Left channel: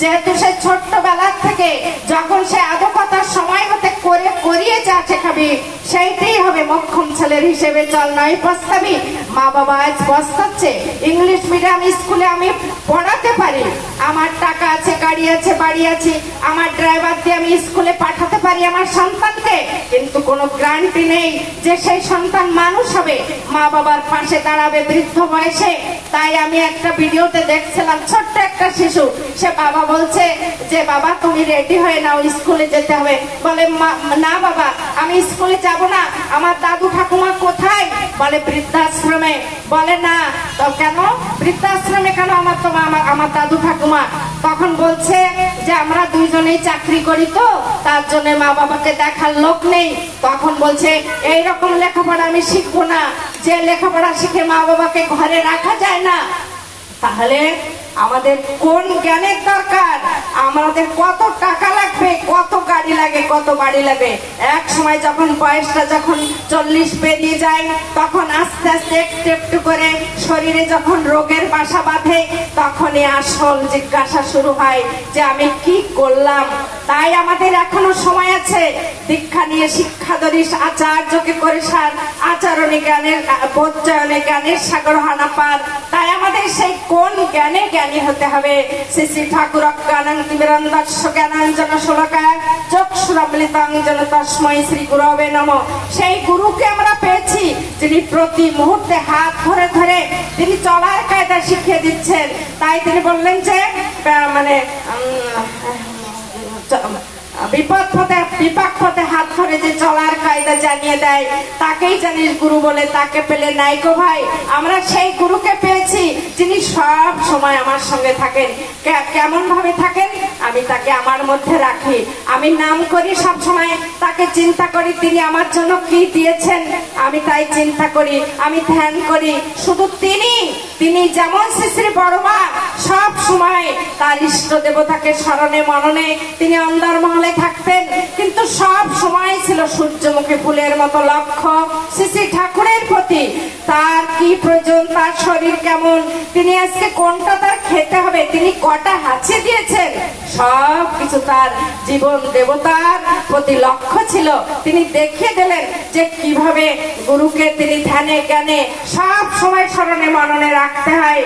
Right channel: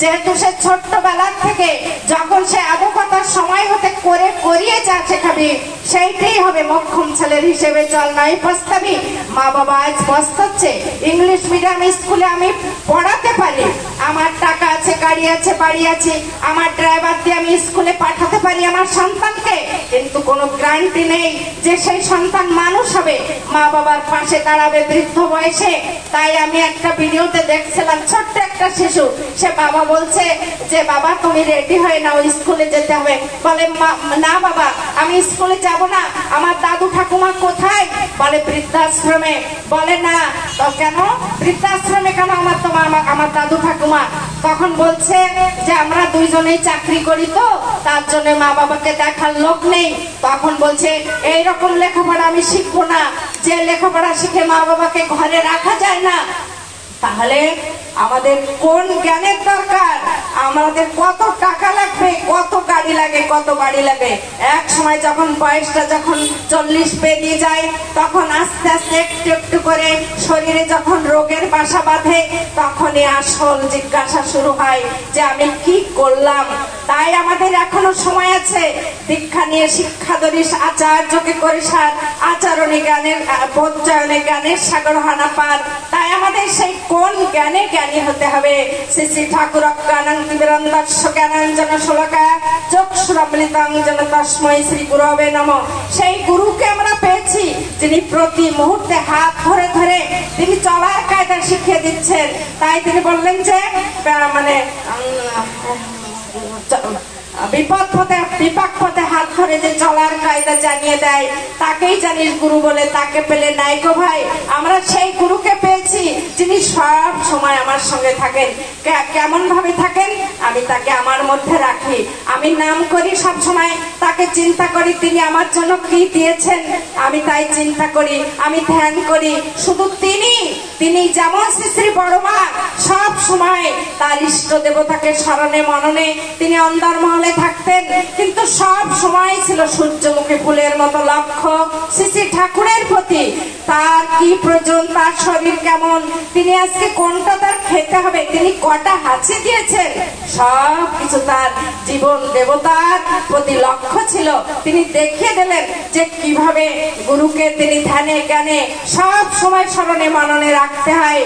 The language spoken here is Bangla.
যেহেতু সে ছোট্টবেলার থেকে যখন সে আদকতার সময় হতে করে করিয়ে যা শেখাবি সেইটাই হবে মক্ষম ছেলের হিসেবে চল নয় প্রস্তাবি। মা বাবা আজ পস্তাচ্ছে। ইংলিশ মিডিয়াম স্কুলে আমি পড়াতে পারি, আমার টাকা আছে, গাড়ি আছে, বাড়ি আছে, আমার ড্রাইভার দিয়ে আমি স্কুলে পাঠাতে পারি আমার সন্তানকে, কিন্তু কোনো গ্যারান্টি নেই যে সেই সন্তান মানুষ হবে, মা বাবার পাশে দাঁড়াবে বৃদ্ধ বয়সে। তাই আমি একটা ভিডিওতে দেখছিলাম, ছোট্ট একটা শিশু, সে বাবা বলছে যে বাবা তুমি রেডি হয়ে নাও, স্কুলে যেতে হবে। বলে না বাবা আমি স্কুলে যাব না, আমার দাদু ঠাকুমা কোথায়? বলে বৃদ্ধাশ্রমে। বলে না তো কেন বৃদ্ধাশ্রমে কেন, আমার দাদু ঠাকুমা। তখন বলছে যে আমরা দুইজনেই চাকরি করি তো তার জন্য মা বাবাকে দেখার লোক নেই। তখন বলছে এইরকম লেখাপড়া আমি শিখবো না, যে লেখাপড়া শিখে মা বাবাকে ঘরে রাখা যায় না। তাহলে আমাদের কোন জ্ঞানের দরকার? আমাদের কত টাকা লাগবে, কত গাড়ি লাগে, কত বাড়ি লাগে। এক সময় যখন বয়সটা যখন 40 পেরিয়ে যায় তখন আস্তে আস্তে একটু একটু করে শরীরে যখন রোগের বাসা বাঁধে তখনই আসল জিজ্ঞাসা শুরু হয় যে আমি কি করলাম। তাই আমাদের এখনো সময় আছে। দীক্ষা নিয়ে শিক্ষা ধরিস আচার্যকে করিস আচরণে জ্ঞানের বোধচয়নে জ্ঞানের সাগর হানা পার। তাই আমাদের সেই কোন জ্ঞানে জ্ঞানী হতে হবে। শ্রী শ্রী ঠাকুর জ্ঞানাং তিমিরন্ধস্য জ্ঞানাঞ্জন শলাকায়া চক্ষুরমৃতাঞ্জন তস্মৈ শ্রী গুরবে নমঃ। সেই গুরুকে আমরা পেয়েছি যিনি প্রতি মুহূর্তে হাত ধরে ধরে তিনি চলার কায়দা শিখিয়ে দিচ্ছেন। তাই তিনি বললেন যে মানে বিপদ পথে হাত ধরে যে চলার কায়দা জানিয়ে দেয় তাকেই জানিস গুরু বলে, তাকে পেলে নাই গো ভাই। আমরা সেই গুরুকে পেয়েছি যিনি সব সময় আমার সঙ্গে থাকেন। কেমন ভাবে থাকেন? আমি তাকে আমার মধ্যে রাখি, আমি নাম করি সব সময়, তাকে চিন্তা করি তিনি আমার জন্য কি দিয়েছেন, আমি তাই চিন্তা করি, আমি ধ্যান করি। শুধু তিনি যেমন শ্রী শ্রী বড়মা সব সময় তার ইষ্ট দেবতাকে স্মরণে মননে তিনি অন্দরমহলে থাকতেন, কিন্তু সব সময় ছিল সূর্যমুখী ফুলের মতো লক্ষ্য শ্রী শ্রী ঠাকুরের প্রতি। তার কি প্রয়োজন, তার শরীর কেমন, তিনি আজকে কোনটা তার খেতে হবে, তিনি কটা হাঁচি দিয়েছেন, সব কিছু তার জীবন দেবতার প্রতি লক্ষ্য ছিল। তিনি দেখিয়ে দিলেন যে কিভাবে গুরুকে তিনি ধ্যানে জ্ঞানে সব সময় স্মরণে মননে রাখতে হয়।